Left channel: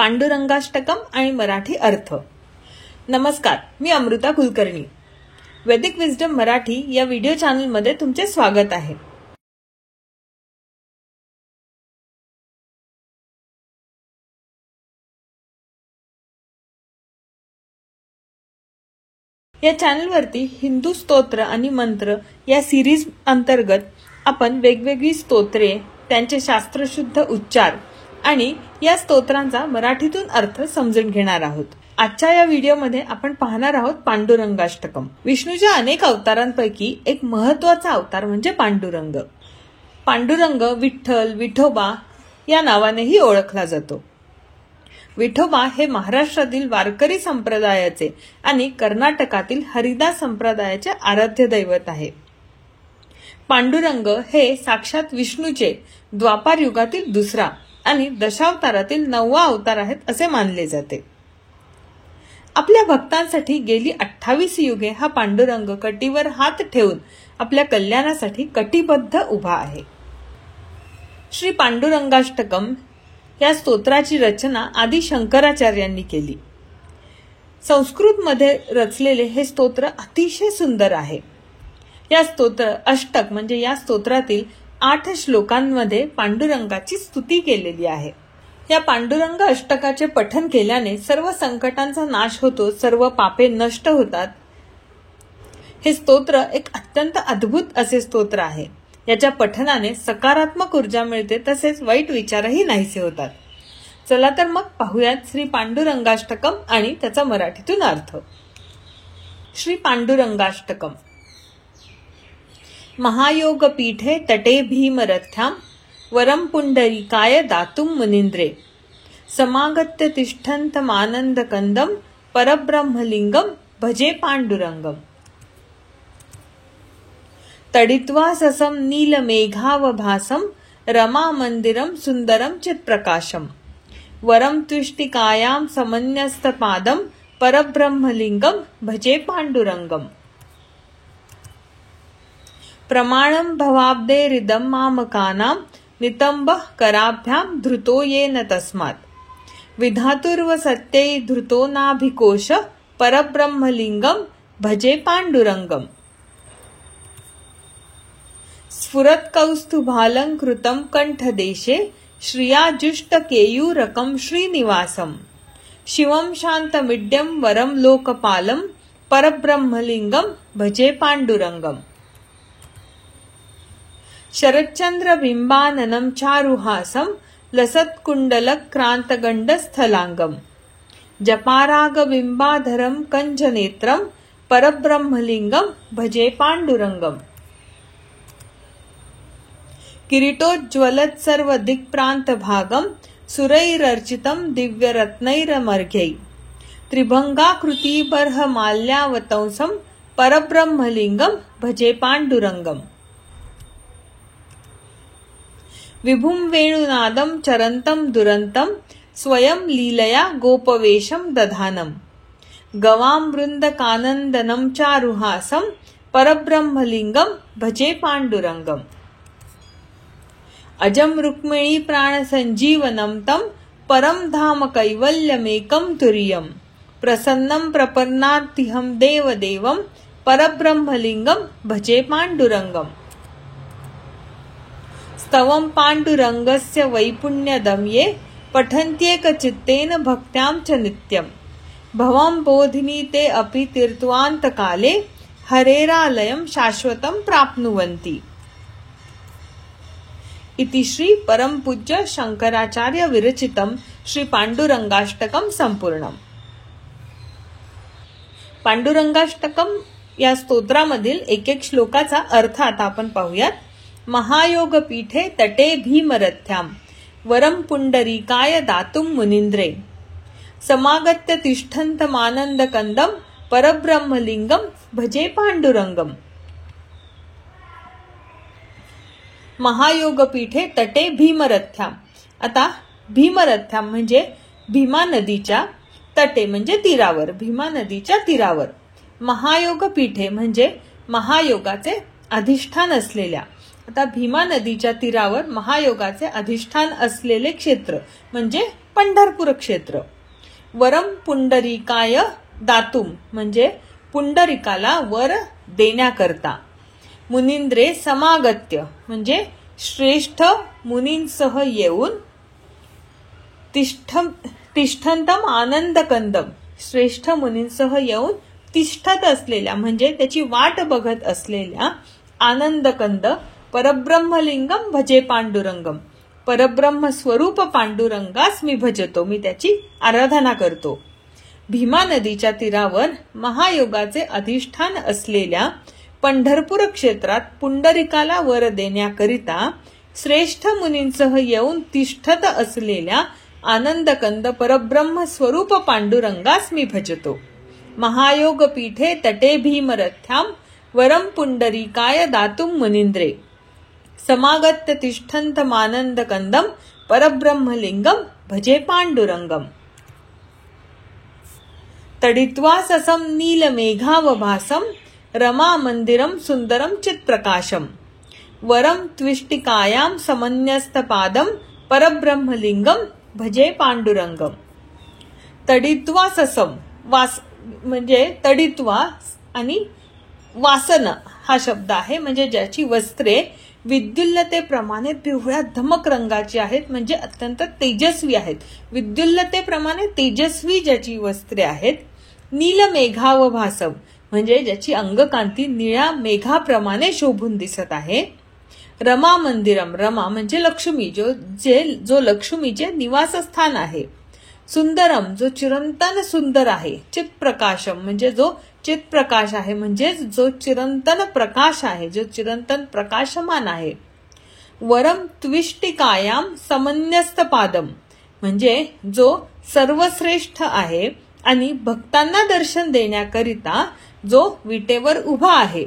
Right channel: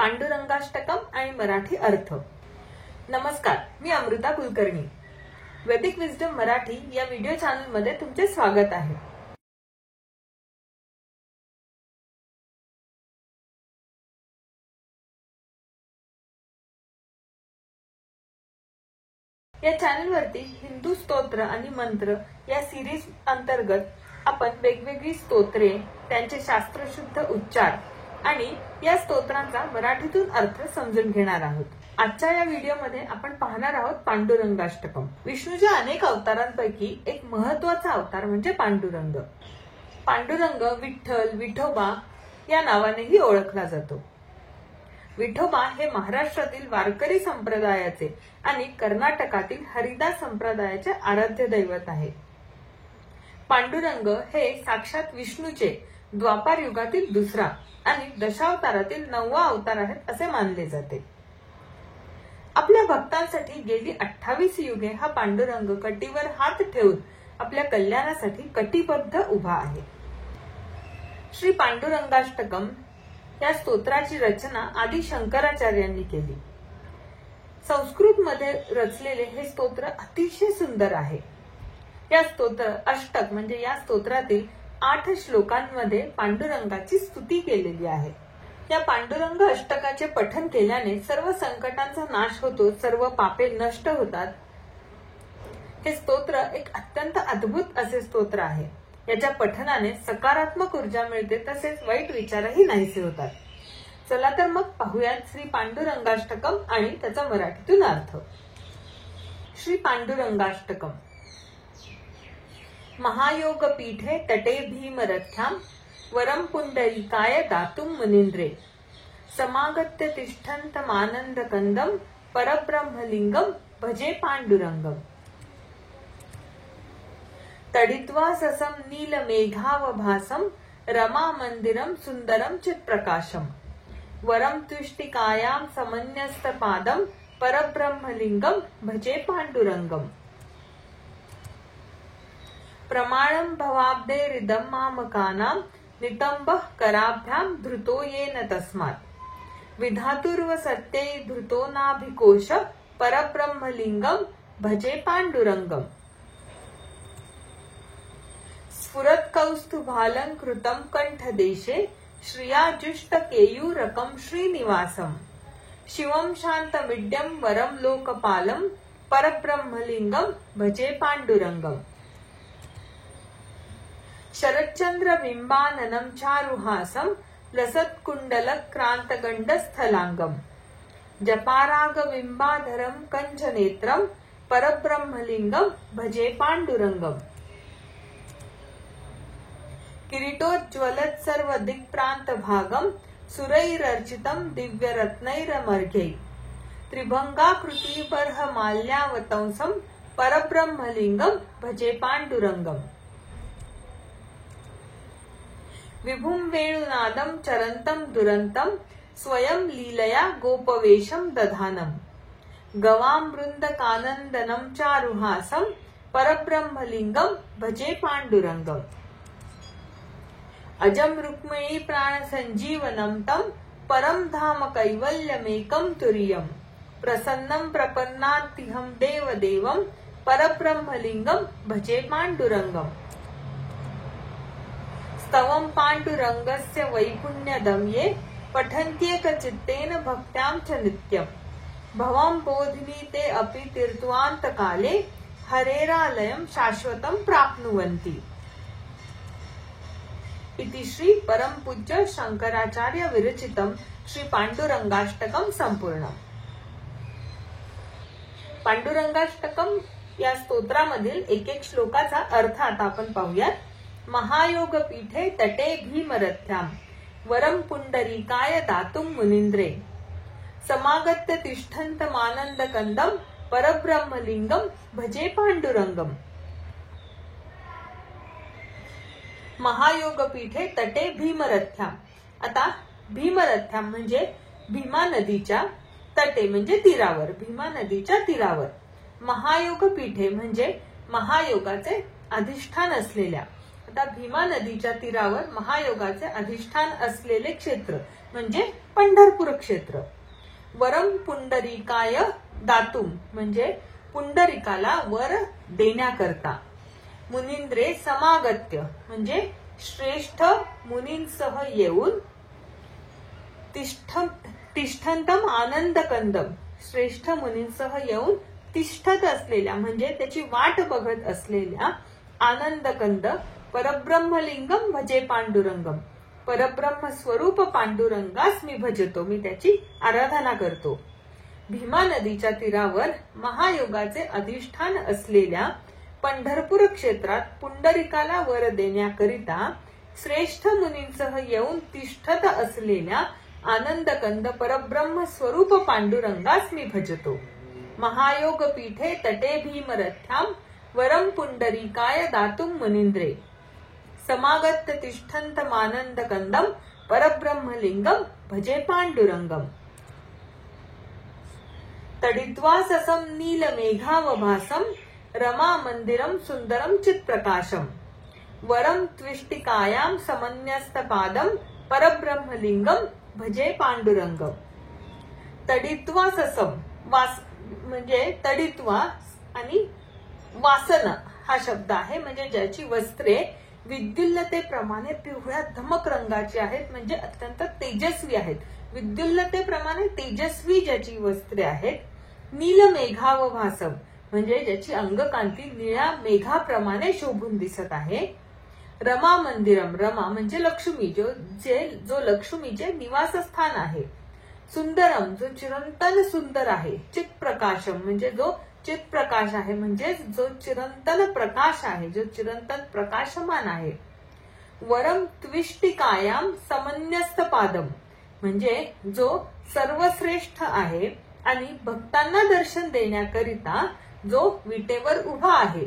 पांडुरंगाष्टकम आणि मराठी अर्थ. नमस्कार, मी अमृता कुलकर्णी. वैदिक विजडम मराठी या व्हिडिओ चॅनल मध्ये तुमचे स्वागत आहे. या चॅनलवरती हिंदू स्तोत्र आणि मंत्र या सिरीज अंतर्गत आपण वेगवेगळी स्तोत्रे, त्यांचे शास्त्रशुद्ध उच्चार आणि या स्तोत्रांचा मराठीतून अर्थ समजून घेणार आहोत. आजच्या या व्हिडिओमध्ये आपण पाहणार आहोत पांडुरंगाष्टकम. विष्णूच्या अनेक अवतारांपैकी एक महत्त्वाचा अवतार म्हणजे पांडुरंग. पांडुरंग विठ्ठल, विठोबा या नावानेही ओळखला जातो. विठोबा हे महाराष्ट्रातील वारकरी संप्रदायाचे आणि कर्नाटकातील हरिदास संप्रदायाचे आराध्य दैवत आहे. पांडुरंग हे साक्षात विष्णूचे द्वापार युगातील दुसरा आणि दशावतारातील 9वा अवतार आहेत असे मानले जाते. आपल्या भक्तांसाठी गेली 28 युगे हा पांडुरंग कटीवर हात ठेवून आपल्या कल्याणासाठी कटिबद्ध उभा आहे. श्री पांडुरंगाष्टकम या स्तोत्राची रचना आदि शंकराचार्यांनी केली. संस्कृत मध्ये रचलेले हे स्तोत्र अतिशय सुंदर आहे. या स्तोत्र अष्टक म्हणजे या स्तोत्रातील 8 श्लोकांमध्ये पांडुरंगाची स्तुती केलेली आहे. या पांडुरंग अष्टकाचे पठन केल्याने सर्व संकटांचा नाश होतो, सर्व पापे नष्ट होतात. हे स्तोत्र एक अत्यंत अद्भुत असे स्तोत्र आहे. याच्या पठनाने सकारात्मक ऊर्जा मिळते, तसेच वाईट विचारही नाहीसे होतात. चला तर मग पाहूयात श्री पांडुरंगाष्टकम आणि त्याचा मराठीतून अर्थ. श्री पांडुरंगाष्टकम. महायोग पीठे तटे भीमरथ्याम वरम पुंडरीकाय दातुम मुनींद्रे समागत्य तिष्ठन्तमानंद कंदम परब्रह्मलिंगम भजे पांडुरंगम. तडित्वा ससम नीलमेघावभासम रमा मंदिरम सुंदरम चित्प्रकाशम वरम त्विष्टिकायां समन्यस्तपादम परब्रह्मलिंगम भजे पांडुरंगम. प्रमाणं भवाब्दे हृदं मामकानां नितंबः कराभ्यां धृतो येन तस्मात् विधातुर्व सत्यै धृतो नाभिकोश परब्रह्मलिंगम भजे पांडुरंगम. स्फुरत् कौस्तुभालंकृतं कंठदेशे श्रियाजुष्ट केयूरकं श्रीनिवासं शिवं शान्तमिड्यं वरं लोकपालं परब्रह्मलिंगम भजे पांडुरंगम. शरच्चंद्र बिंबाननं चारुहासं लसत्कुण्डलक्रान्तगण्डस्थलांगं जपारागबिंबाधरं कंजनेत्रं परब्रह्मलिंगम भजे पांडुरंगम. किरीटोज्ज्वलत् सर्वदिक्प्रान्तभागं सुरैरर्चितं दिव्यरत्नैरमर्घ्यै त्रिभंगाकृतिबर्हमाल्यावतंसं परब्रह्मलिंगम भजे पांडुरंगम. विभुं वेणुनादं चरन्तं दुरन्तं स्वयं लीलया गोपवेशं दधानं गवां वृन्दकानन्दनं चारुहासं परब्रह्मलिंगम भजे पांडुरंगम. अजं रुक्मिणी प्राणसञ्जीवनं तं परं धाम कैवल्यमेकं तुर्यं प्रसन्नं प्रपन्नातिहं देवदेवं परब्रह्मलिंगम भजे पांडुरंगम. स्तवं पांडुरंगस्य वैपुण्यदं ये पठन्त्येकचित्तेन भक्त्यां च नित्यं भवं बोधिनी ते अपि तीर्थ्वान्तकाले हरेरालयं शाश्वतं प्राप्नुवन्ति. इति श्री परमपूज्य शंकराचार्य विरचितम श्री पांडुरंगाष्टकम संपूर्णम. पांडुरंगाष्टकम या स्तोत्रामधील एक एक श्लोकाचा अर्थ आता आपण पाहूयात. महायोग पीठे तटे भीमरथ्याम वरम पुंडरीकाय दातुम मुनींद्रे समागत्य तिष्ठन्तमानंद कंदम परब्रह्मलिंगम भजे पांडुरंगम. महायोग पीठे तटे भीमरथ्याम. आता भीमरथ्याम म्हणजे भीमा नदीच्या तटे म्हणजे तीरावर, भीमा नदीच्या तीरावर. महायोग पीठे म्हणजे महायोगाचे अधिष्ठान असलेल्या. आता भीमा नदीच्या तीरावर महायोगाचे अधिष्ठान असलेले क्षेत्र म्हणजे पंढरपूर क्षेत्र. वरम पुंडरीकाय दातुम म्हणजे पुंडरीकाला वर देण्याकरता. मुनींद्रे समागत्य म्हणजे श्रेष्ठ मुनींसह येऊन. तिष्ठंतम आनंदकंदम श्रेष्ठ मुनींसह येऊन तिष्ठत असलेल्या म्हणजे त्याची वाट बघत असलेल्या आनंदकंद परब्रह्मलिंगम भजे पांडुरंगम. परब्रह्म स्वरूप पांडुरंगास मी भजतो, मी त्याची आराधना करतो. भीमा नदीच्या तीरावर महायोगाचे अधिष्ठान असलेल्या पंढरपूर क्षेत्रात पुंडरिकाला वर देण्याकरिता श्रेष्ठ मुनींसह येऊन तिष्ठत असलेल्या आनंदकंद परब्रह्म स्वरूप पांडुरंगास मी भजतो. महायोग पीठे तटे भीमरथ्याम वरम पुंडरीकाय दातुम मुनींद्रे. समागत्य तिष्ठन्तमानंदकंदम परब्रह्मलिंगम भजे पांडुरंगम. तडित्वा ससं नीलमेघावभासं रमा मंदिरं सुंदरं चित्प्रकाशम. वरम त्विष्टिकायां समन्यस्तपादं परब्रह्मलिंगम भजे पांडुरंगम. तडित्वा ससम म्हणजे तडित्वा आणि वासन हा शब्द आहे, म्हणजे ज्याची वस्त्रे विद्युल्लतेप्रमाणे पिवळ्या धमक रंगाची आहेत, म्हणजे अत्यंत तेजस्वी आहेत. विद्युल्लतेप्रमाणे तेजस्वी ज्याची वस्त्रे आहेत. नीलमेघावभासम म्हणजे ज्याची अंगकांती निळ्या मेघाप्रमाणे शोभून दिसत आहे. रमा मंदिरम रमा म्हणजे लक्ष्मी, जो लक्ष्मीचे निवासस्थान आहे. सुंदरम जो चिरंतन सुंदर आहे. चित्प्रकाशम म्हणजे जो चित्प्रकाश आहे, म्हणजे जो चिरंतन प्रकाश आहे, जो चिरंतन प्रकाशमान आहे. वरम त्विष्टिकायाम समन्यस्त पादम म्हणजे जो सर्वश्रेष्ठ आहे आणि भक्तांना दर्शन देण्याकरिता जो विटेवर उभा आहे.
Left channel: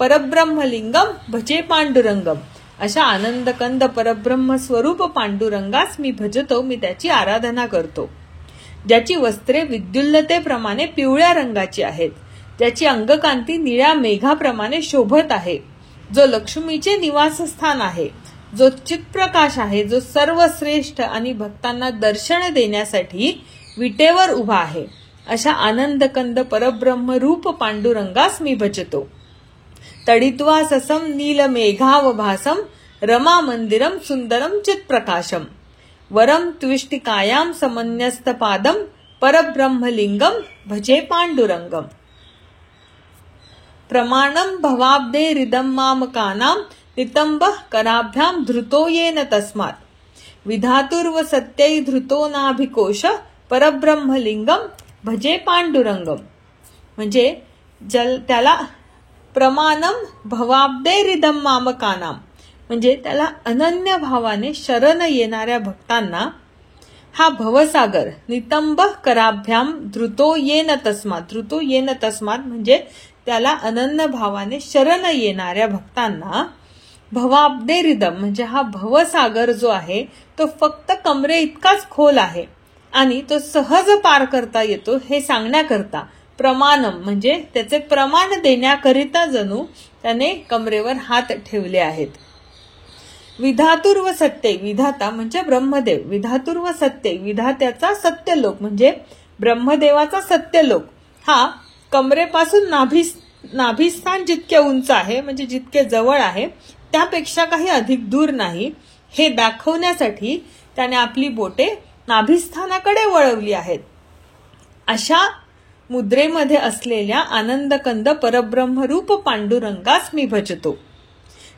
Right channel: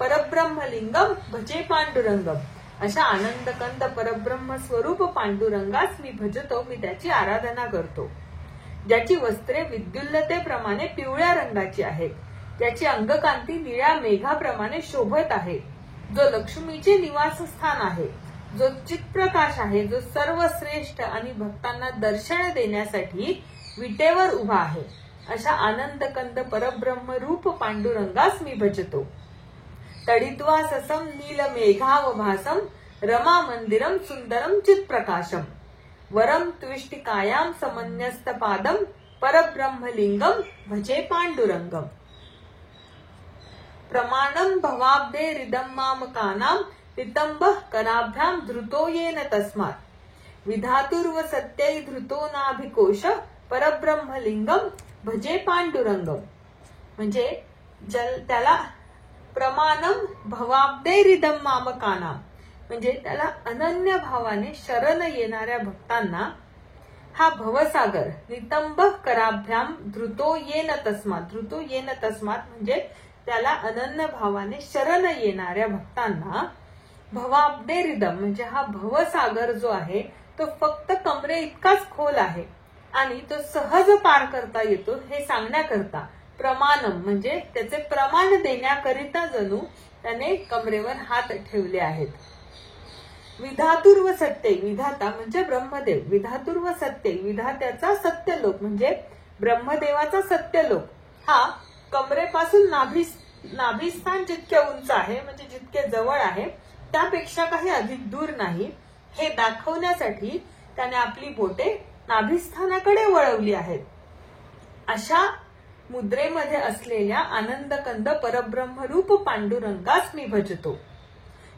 परब्रह्मलिंगम भजे पांडुरंगम अशा आनंदकंद परब्रह्म स्वरूप पांडुरंगास मी भजतो, मी त्याची आराधना करतो. ज्याची वस्त्रे विद्युल्लतेप्रमाणे पिवळ्या रंगाची आहेत, ज्याची अंगकांती निळ्या मेघाप्रमाणे शोभत आहे, जो लक्ष्मीचे निवासस्थान आहे, जो चित्प्रकाश आहे, जो सर्वश्रेष्ठ आणि भक्तांना दर्शन देण्यासाठी विटेवर उभा आहे, अशा आनंदकंद परब्रह्म रूप पांडुरंगास मी भजतो. तडित्वा ससं नीलमेघावभासं रमा मंदिरं सुंदरं चित्प्रकाशम. वरम त्विष्टिकायां समन्यस्तपादं परब्रह्मलिंगम भजे पांडुरंगम. प्रमाणं भवाब्देरिदं मामकानां नितंबः कराभ्यां धृतो येन तस्मात्. विधातुर्व सत्यै धृतो नाभिकोश परब्रह्मलिंगम भजे पांडुरंगम. म्हणजे त्याला प्रमाणम भवाब्देरिदं मामकानां म्हणजे त्याला अनन्य भावाने शरण येणाऱ्या भक्तांना हा भवसागर नितंब कराभ्याम धृतो येन तस्मात. धृतो येन तस्मात म्हणजे त्याला अनन्य भावाने शरण येणाऱ्या भक्तांना भवाब्देरिदम म्हणजे हा भवसागर जो आहे तो फक्त कमरे इतकाच खोल आहे आणि तो सहज पार करता येतो हे सांगण्याकरता प्रमाणम म्हणजे त्याचे प्रमाण देण्याकरिता जणू त्याने कमरेवर हात ठेवले आहेत. विधातुर्व सत्य विधाता म्हणजे ब्रह्मदेव. विधातुर्व सत्य विधात्याचा सत्यलोक म्हणजे ब्रह्मदेवाचा सत्यलोक हा कमरेपासून नाभिस्थान जितके उंच आहे म्हणजे जितके जवळ आहे त्यापेक्षा काही अधिक दूर नाही हे दाखवण्यासाठी त्याने आपली बोटे नाभिस्थानाकडे वळवली आहेत. अशा मुद्रेमध्ये असलेल्या आनंदकंद परब्रह्मरूप पांडुरंगास मी भजतो.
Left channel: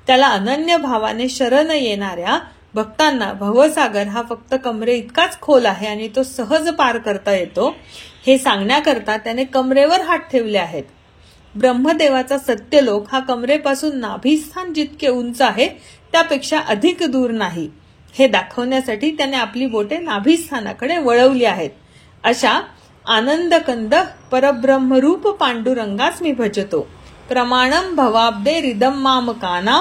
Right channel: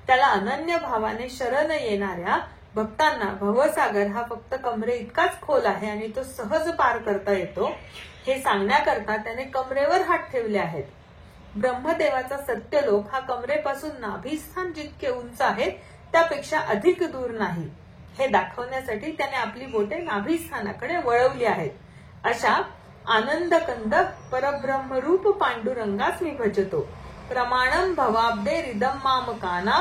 त्याला अनन्य भावाने शरण येणाऱ्या भक्तांना भवसागर हा फक्त कमरे इतकाच खोल आहे आणि तो सहज पार करता येतो हे सांगण्याकरता त्याने कमरेवर हात ठेवले आहेत. ब्रह्मदेवाचा सत्यलोक हा कमरेपासून नाभिस्थान जितके उंच आहे त्यापेक्षा अधिक दूर नाही हे दाखवण्यासाठी त्याने आपली बोटे नाभिस्थानाकडे वळवली आहेत. अशा आनंदकंद परब्रह्मरूप पांडुरंगास मी भजतो. प्रमाणं भवाब्देरिदं मामकानां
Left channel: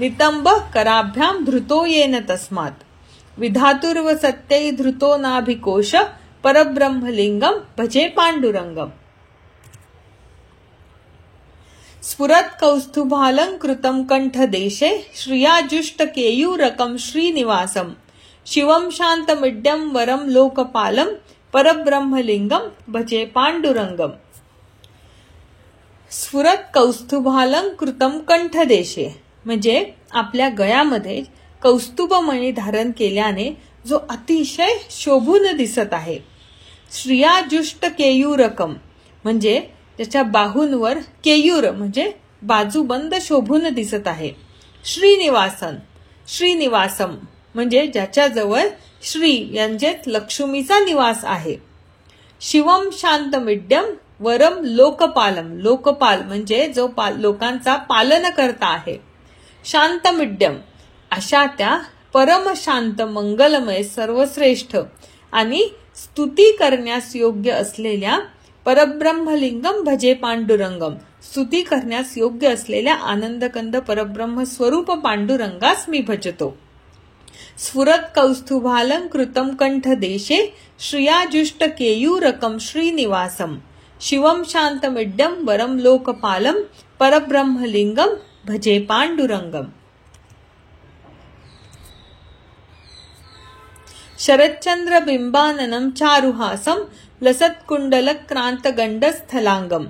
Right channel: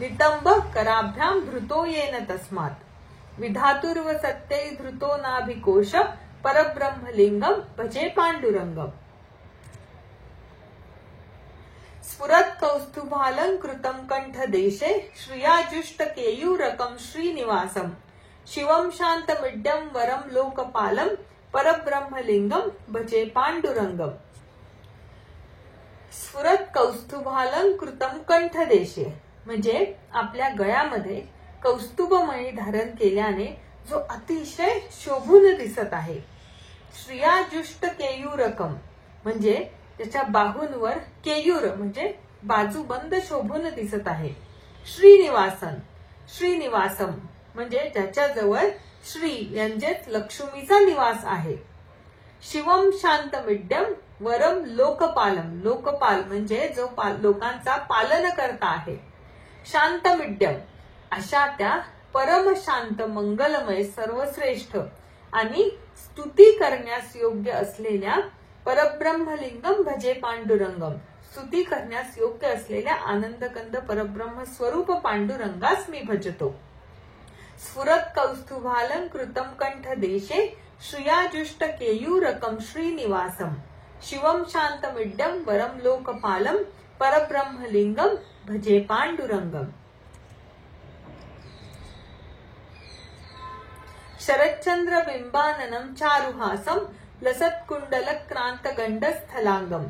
नितंब कराभ्यां धृतो येन तस्मात्. विधातुर्व सत्यै धृतो नाभिकोश परब्रह्मलिंगम भजे पांडुरंगम. स्फुरत् कौस्तुभालंकृतं कंठदेशे श्रियाजुष्ट केयूरकं श्रीनिवासं. शिवम शांतमिड्यम वरम लोकपालम परब्रह्मलिंगम भजे पांडुरंगम। स्फुरत कौस्तुभालंकृतम कंठदेशे, म्हणजे आपल्या गळ्यामध्ये कौस्तुभमणी धारण केल्याने जो अतिशय शोभून दिसत आहे। श्रियाजुष्ट केयूरकम, म्हणजे त्याच्या बाहूंवर केयूर म्हणजे बाजूबंद शोभून दिसत आहे। श्रीनिवासन, श्रीनिवासम, म्हणजे ज्याच्याजवळ श्री यांचेच लक्ष्मीचा निवास आहे। शिवम शांतमिड्यम वरम लोकपालम, लोकपाल म्हणजे जो लोकांचा पालन करता आहे। शांतमिड्यम, अशा त्या परम शांत मंगलमय सर्वश्रेष्ठ आणि स्तुती करण्यास योग्य असलेल्या परब्रह्मलिंगम भजे पांडुरंगम, स्तुती करण्यास योग्य असलेल्या आनंदकंद परब्रह्म स्वरूप पांडुरंगास मी भजतो। स्फुरत कौस्तुभालंकृतम कंठदेशे श्रियाजुष्ट केयूरकम श्रीनिवासम, शिवम शांतमिड्यम वरम लोकपालम परब्रह्मलिंगम भजे पांडुरंगम। शरच्चंद्र बिंबाननम चारुहासम लसत्कुंडलक्रांत गंडस्थलांगम,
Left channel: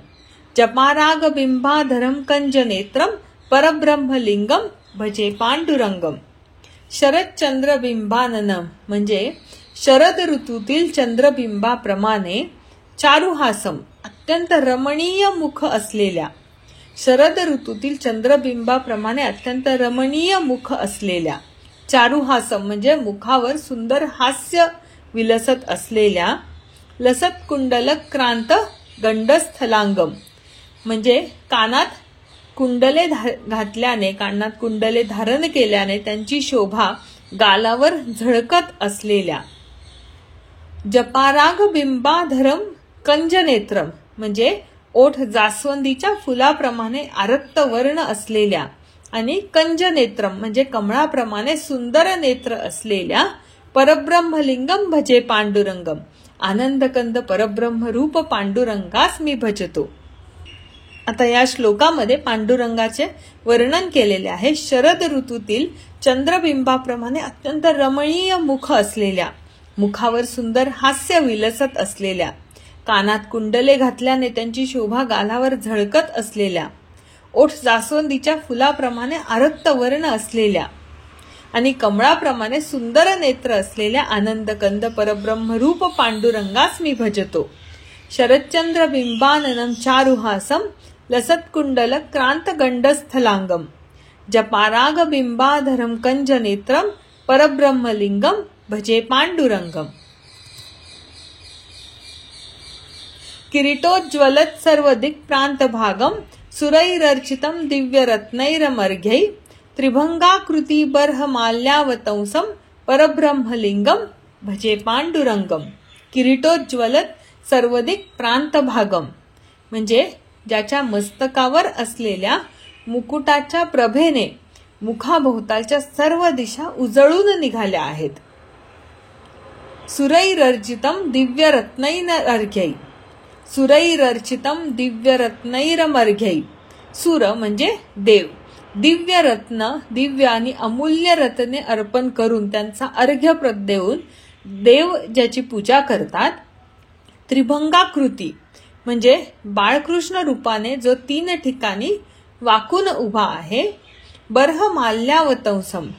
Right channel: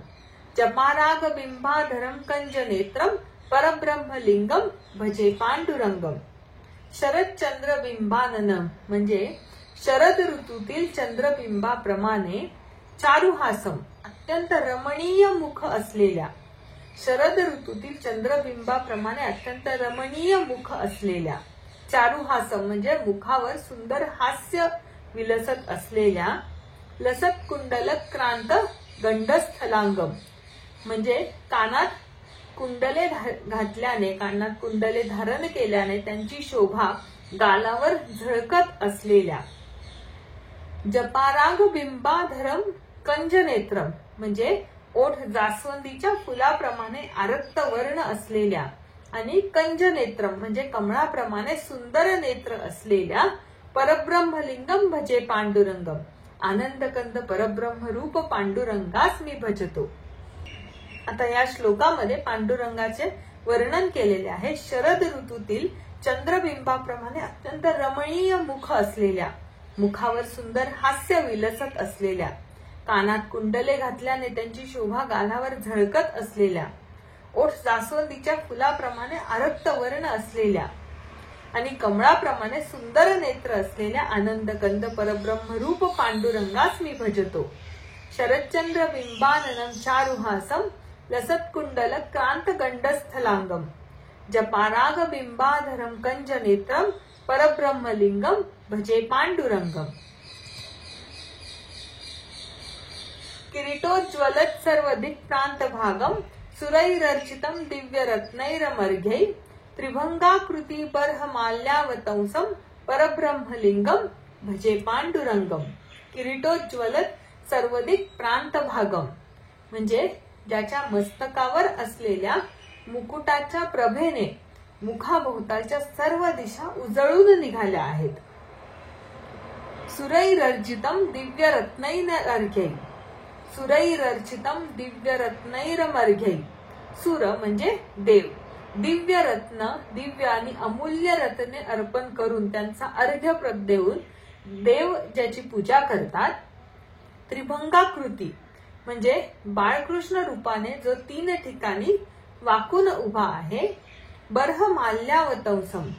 जपाराग बिंबाधरम कंजनेत्रम परब्रह्मलिंगम भजे पांडुरंगम। शरदचंद्र बिंबाननम, म्हणजे शरद ऋतूतील चंद्रबिंबाप्रमाणे चारुहासम, अत्यंत रमणीय मुख असलेल्या, शरद ऋतूतील चंद्रबिंबाप्रमाणे अत्यंत रमणीय मुख असलेल्या, चारुहासम म्हणजे मुखावर सुंदर हास्य विलसत असलेल्या, लसत कुंडलक्रांत गंडस्थलांगम, म्हणजे कानात कुंडले घातल्याने, कानात कुंडले धारण केल्याने त्यांची शोभा गालावर झळकत असलेल्या, जपाराग बिंबाधरम कंजनेत्रम, म्हणजे ओठ जास्वंदीच्या फुलाप्रमाणे आरक्त वर्ण असलेल्या आणि कंजनेत्रम म्हणजे कमळाप्रमाणे सुंदर नेत्र असलेल्या परब्रह्मलिंगम भजे पांडुरंगम, आनंदकंद परब्रह्म रूप पांडुरंगास मी भजतो। आता या श्लोकामध्ये पांडुरंगाचे वर्णन केलेले आहे। शरद ऋतूतील चंद्रबिंबाप्रमाणे अत्यंत रमणीय मुख असलेल्या, मुखावर सुंदर हास्य विलसत असलेल्या, कानात कुंडले घातल्याने त्यांची शोभा गालावर झळकत असलेल्या, ओठ जास्वंदीच्या फुलाप्रमाणे आरक्त वर्ण असलेल्या आणि कमळाप्रमाणे सुंदर नेत्र असलेल्या आनंदकंद परब्रह्म रूप पांडुरंगास मी भजतो। शरच्चंद्र बिंबाननम चारुहासम लसत्कुंडल क्रांत गंडस्थलांगम, जपाराग बिंबाधरम कंजनेत्रम परब्रह्मलिंगम भजे पांडुरंगम। किरीटोज्ज्वलत् सर्वदिक्प्रान्तभागं सुरैरर्चितं दिव्यरत्नैरमर्घ्यै त्रिभंगाकृति बर्हमाल्यावतंसं परब्रह्मलिंगम भजे पांडुरंगम। किरीटोज्ज्वलत् सर्वदिक प्रांतभागम, म्हणजे ज्याच्या मस्तकावर असलेल्या मुकुटाच्या प्रभेने मुखाभोवतालच्या सर्व दिशा उजळून निघाल्या आहेत। सुरैरर्चितं दिव्यरत्नैरमर्घ्यै, सुरैरर्चितं दिव्यरत्नैरमर्घ्यै, सुर म्हणजे देव, दिव्य रत्न, दिव्य आणि अमूल्य रत्ने अर्पण करून त्यांचा अर्घ्य देऊन देव ज्याची पूजा करतात। त्रिभंगाकृती म्हणजे बाळकृष्ण रूपाने जो 3 ठिकाणी वाकून उभा आहे। बर्हमाल्यावतंसम,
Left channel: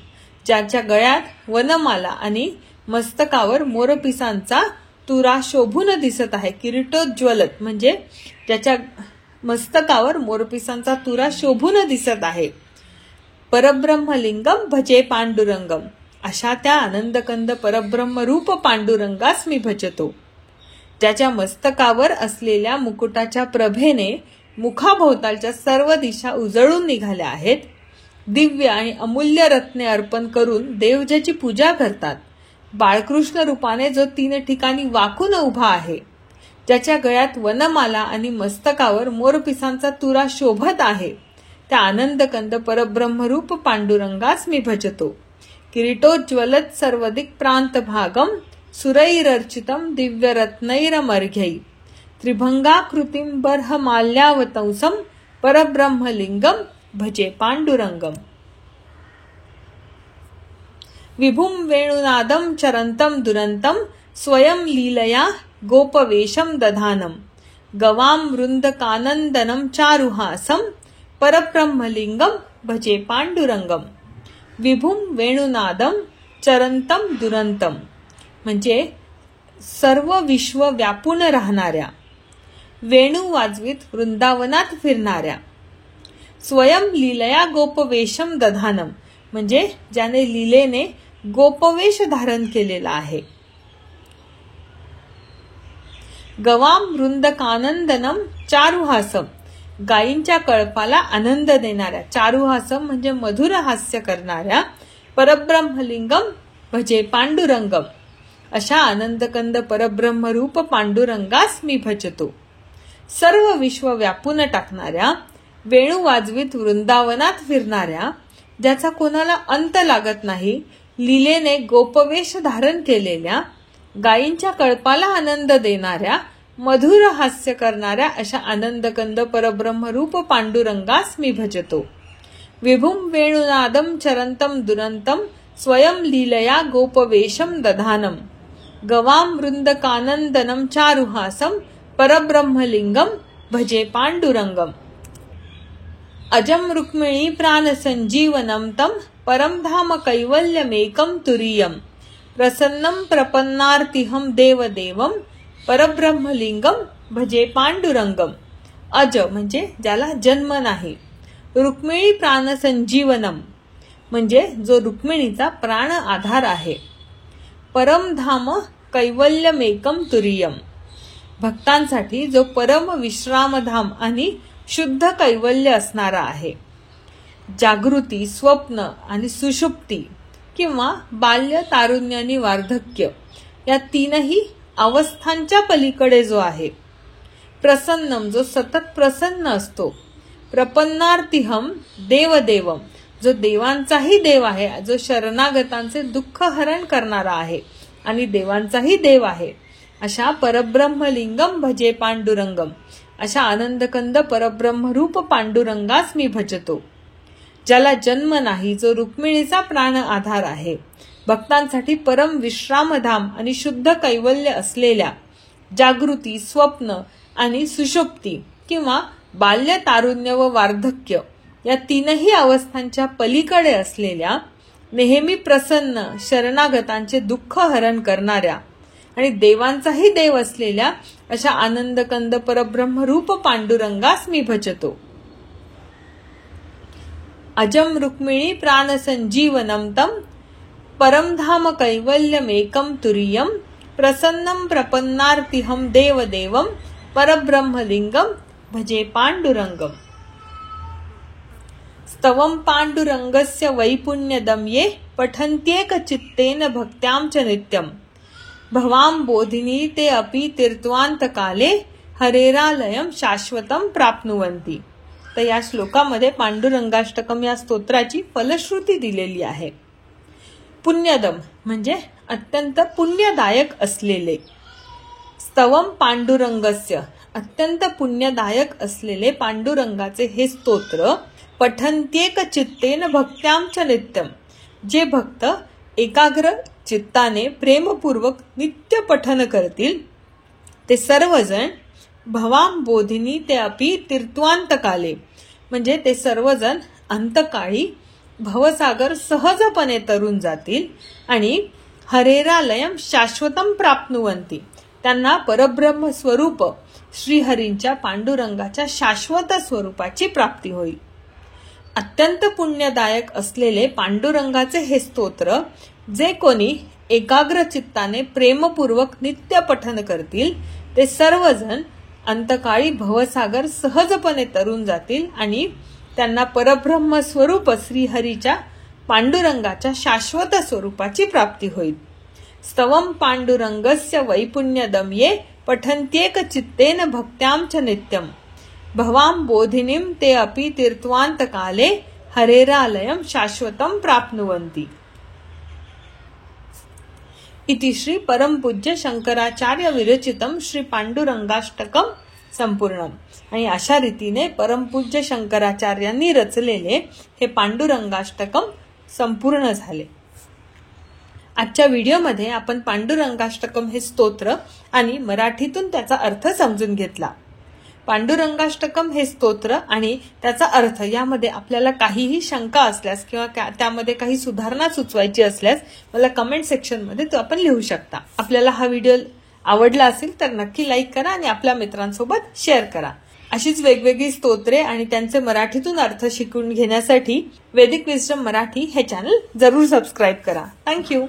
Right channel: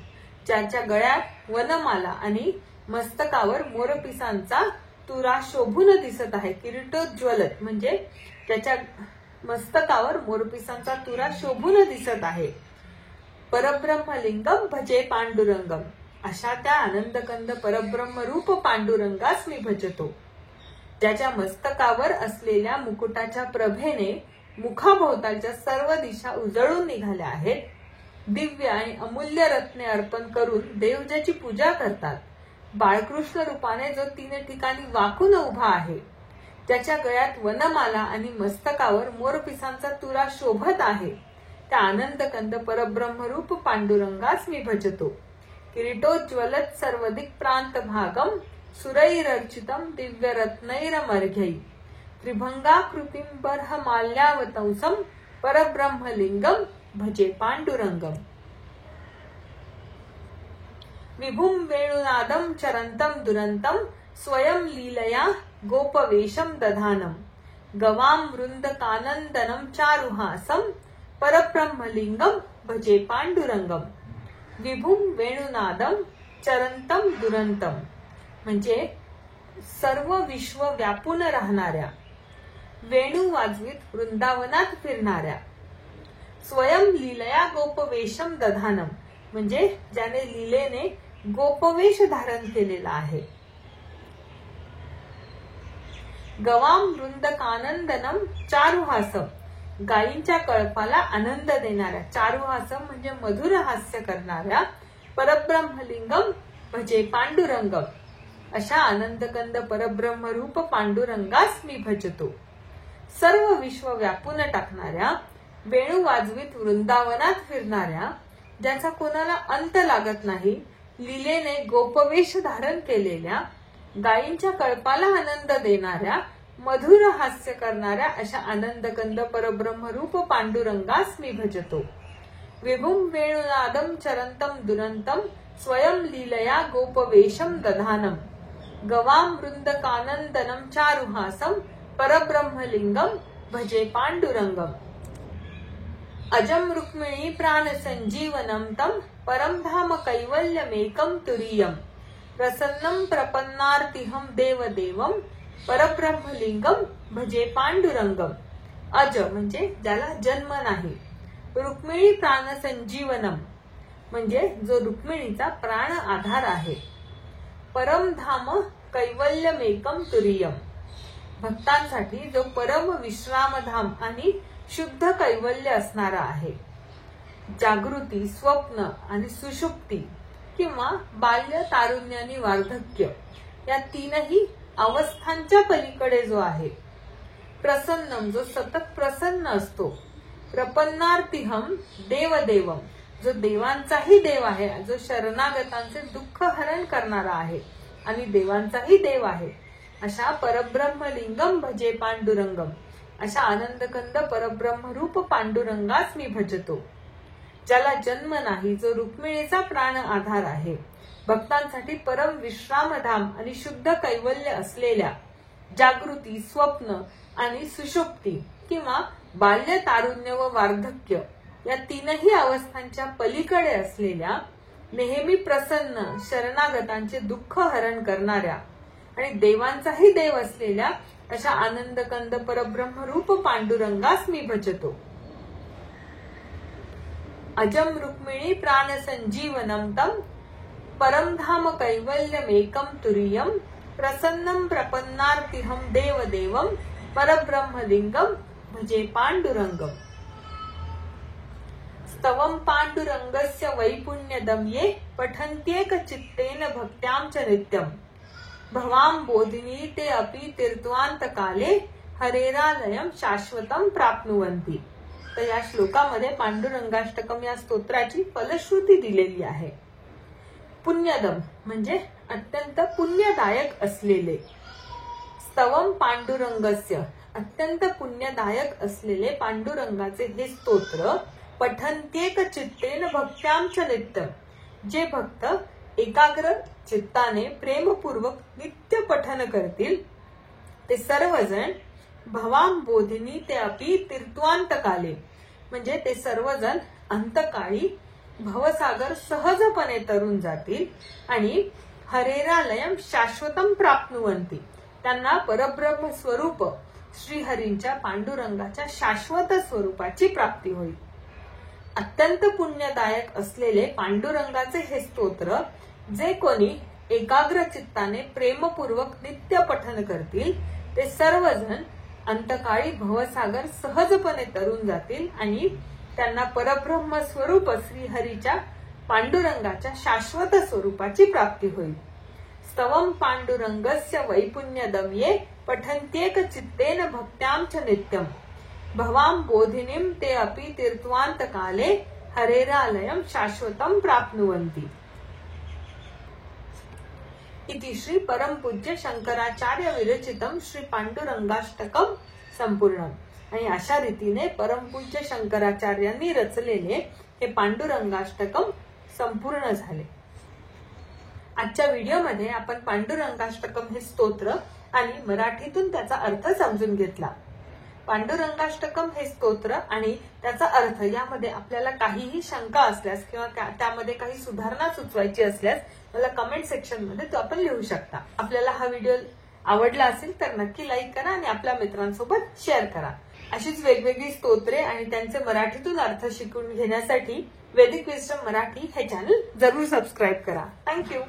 ज्याच्या गळ्यात वनमाला आणि मस्तकावर मोरपिसांचा तुरा शोभून दिसत आहे। किरीटोज्ज्वलत म्हणजे ज्याच्या मस्तकावर मोरपिसांचा तुरा शोभून दिसत आहे। परब्रह्मलिंगम भजे पांडुरंगम, अशा त्या आनंदकंद परब्रह्म रूप पांडुरंगास मी भजतो। ज्याच्या मस्तकावर असलेल्या मुकुटाच्या प्रभेने मुखाभोवतालच्या सर्व दिशा उजळून निघाल्या आहेत। दिव्य आणि अमूल्य रत्ने अर्पण करून देव ज्याची पूजा करतात। बाळकृष्ण रूपाने जो 3 ठिकाणी वाकून उभा आहे। ज्याच्या गळ्यात वनमाला आणि मस्तकावर मोरपिसांचा तुरा शोभत आहे, त्या आनंदकंद परब्रह्मरूप पांडुरंगास मी भजतो। किरीटोज्ज्वलत् सर्वदिक प्रांतभागम सुरैरर्चितं दिव्यरत्नैरमर्घ्यै त्रिभंगाकृतिं बर्हमाल्यावतंसं परब्रह्मलिंगम भजे पांडुरंगम। विभुं वेणुनादं चरन्तं दुरन्तं स्वयं लीलया गोपवेशं दधानं गवां वृन्दकानन्दनं चारुहासं परब्रह्मलिंगं भजे पांडुरंगम. विभुं वेणुनादं चरंतम दुरंतम म्हणजे सर्व विश्व व्यापून राहणाऱ्या, वेणू वाजवीत वृंदावनात फिरणाऱ्या, स्वयं लीलया गोपवेशम दधानम म्हणजे ज्याने लीलेने गोपवेश धारण केलेला आहे. गवाम वृंदकानंदनम चारुहासम गायींच्या कळपाला आनंद देणाऱ्या, चारुहासम म्हणजे मधुर हास्य करणाऱ्या, परब्रह्मलिंगम भजे पांडुरंगम अशा आनंदकंद परब्रह्मरूप पांडुरंगास मी भजतो. सर्व विश्व व्यापून टाकणाऱ्या, वेणू वाजवीत वृंदावनात फिरणाऱ्या, ज्याचा कोणाला अंत लागत नाही, लीलेने गोपवेश धारण केलेल्या, गायींच्या कळपाला आनंद देणाऱ्या, मधुर हास्य करणाऱ्या अशा आनंदकंद परब्रह्मरूप पांडुरंगास मी भजतो. विभुं वेणुनादं चरंतं दुरंतं स्वयं लीलया गोपवेशं दधानं गवां वृन्दकानन्दनं चारुहासं परब्रह्मलिंगं भजे पांडुरंगम. अजं रुक्मिणी प्राणसंजीवनं तं परमधाम कैवल्यमेकं तुरीयं प्रसन्नं प्रपन्नार्तिहं देवदेवं परब्रह्मलिंगम भजे पांडुरंगम. अज म्हणजे ज्याला जन्म नाही, रुक्मिणी प्राणसंजीवनम म्हणजे जो रुक्मिणीचा प्राण आधार आहे, परमधाम कैवल्यमेकम तुरीयम भक्तांसाठी जो परम विश्रामधाम आणि शुद्ध कैवल्य असणारा आहे. जागृती, स्वप्न आणि सुषुप्ती किंवा बाल्य, तारुण्य आणि वार्धक्य या तीनही अवस्थांच्या पलीकडे जो आहे. प्रसन्नम जो सतत प्रसन्न असतो, प्रपन्नार्तिहम देवदेवम जो देवांचाही देव आहे, जो शरणागतांचे दुःख हरण करणारा आहे आणि देवांचाही देव आहे, अशा परब्रह्मलिंगम भजे पांडुरंगम अशा आनंदकंद परब्रह्मरूप पांडुरंगास मी भजतो. ज्याला जन्म नाही, जो रुक्मिणीचा प्राण आधार आहे, भक्तांसाठी परम विश्रामधाम आणि शुद्ध कैवल्य असलेल्या, जागृती, स्वप्न आणि सुषुप्ती किंवा बाल्य, तारुण्य व वार्धक्य या तीनही अवस्थांच्या पलीकडे असलेल्या, नेहमी प्रसन्न, शरणागतांचे दुःख हरण करणाऱ्या आणि देवांचाही देव असलेल्या अशा आनंदकंद परब्रह्मरूप पांडुरंगास मी भजतो. अजम रुक्मिणी प्राणसंजीवनं तं परमधाम कैवल्यमेकं तुरीयं प्रसन्नं प्रपन्नार्तिहं देवदेवं परब्रह्मलिंगं भजे पांडुरंगम. स्तवं पांडुरंगस्य वैपुण्यदं ये पठन्त्येक चित्तेन भक्त्यां च नित्यं भवां बोधिनी ते अपि तीर्थवांतकाले हरेरालयं शाश्वतं प्राप्नुवन्ति. तर या श्लोकामध्ये पांडुरंगाष्टकम या स्तोत्राची फलश्रुती दिलेली आहे. पुण्यदम म्हणजे अत्यंत पुण्यदायक असलेले, स्तवम पांडुरंगस्य अत्यंत पुण्यदायक असलेले पांडुरंगाचे हे स्तोत्र पठन्त्येक चित्तेन भक्त्यां च नित्यं जे भक्त एकाग्र चित्ताने प्रेमपूर्वक नित्य पठन करतील ते सर्वजण भवाम बोधिनी ते अपि तीर्थवांतकाले म्हणजे ते सर्वजण अंतकाळी भवसागर सहजपणे तरून जातील आणि हरेरालयम शाश्वतम प्राप्नुवन्ति त्यांना परब्रह्म स्वरूप श्रीहरींच्या पांडुरंगाच्या शाश्वत स्वरूपाची प्राप्ती होईल. अत्यंत पुण्यदायक असलेले पांडुरंगाचे हे स्तोत्र जे कोणी एकाग्र चित्ताने प्रेमपूर्वक नित्य पठन करतील ते सर्वजण अंतकाळी भवसागर सहजपणे तरून जातील आणि त्यांना परब्रह्म स्वरूप श्रीहरीच्या पांडुरंगाच्या शाश्वत स्वरूपाची प्राप्ती होईल. स्तवं पांडुरंगस्य वैपुण्यदं ये पठन्त्येक चित्तेन भक्त्यां च नित्यं भवां बोधिनीं ते अपि तीर्थवांतकाले हरेरालयं शाश्वतं प्राप्नुवन्ति. इति श्री परमपूज्य शंकराचार्य विरचितम श्री पांडुरंगाष्टकम संपूर्णम. आणि अशा रीतीने परमपूज्य शंकराचार्यांनी रचलेले हे पांडुरंगाष्टकम संपूर्ण झाले. आजच्या व्हिडिओमध्ये आपण पांडुरंगाष्टकम हे स्तोत्र आणि मराठीतून त्याचा अर्थ समजून घेतला। पांडुरंगाष्टकम हे स्तोत्र आणि त्याचा अर्थ यामध्ये आपल्याला काहीही शंका असल्यास किंवा त्यामध्ये काही सुधारणा सुचवायची असल्यास मला कमेंट सेक्शन मध्ये तो आपण लिहू शकता। आपल्याला हा व्हिडिओ आवडला असेल तर नक्की लाईक करा आणि आपल्या मित्रांसोबत शेअर करा। अशीच वेगवेगळी स्तोत्रे आणि त्यांचे मराठीतून अर्थ शिकून घेण्यासाठी वैदिक विस्डम मराठी हे चॅनल जरूर सबस्क्राइब करा। थँक्यू।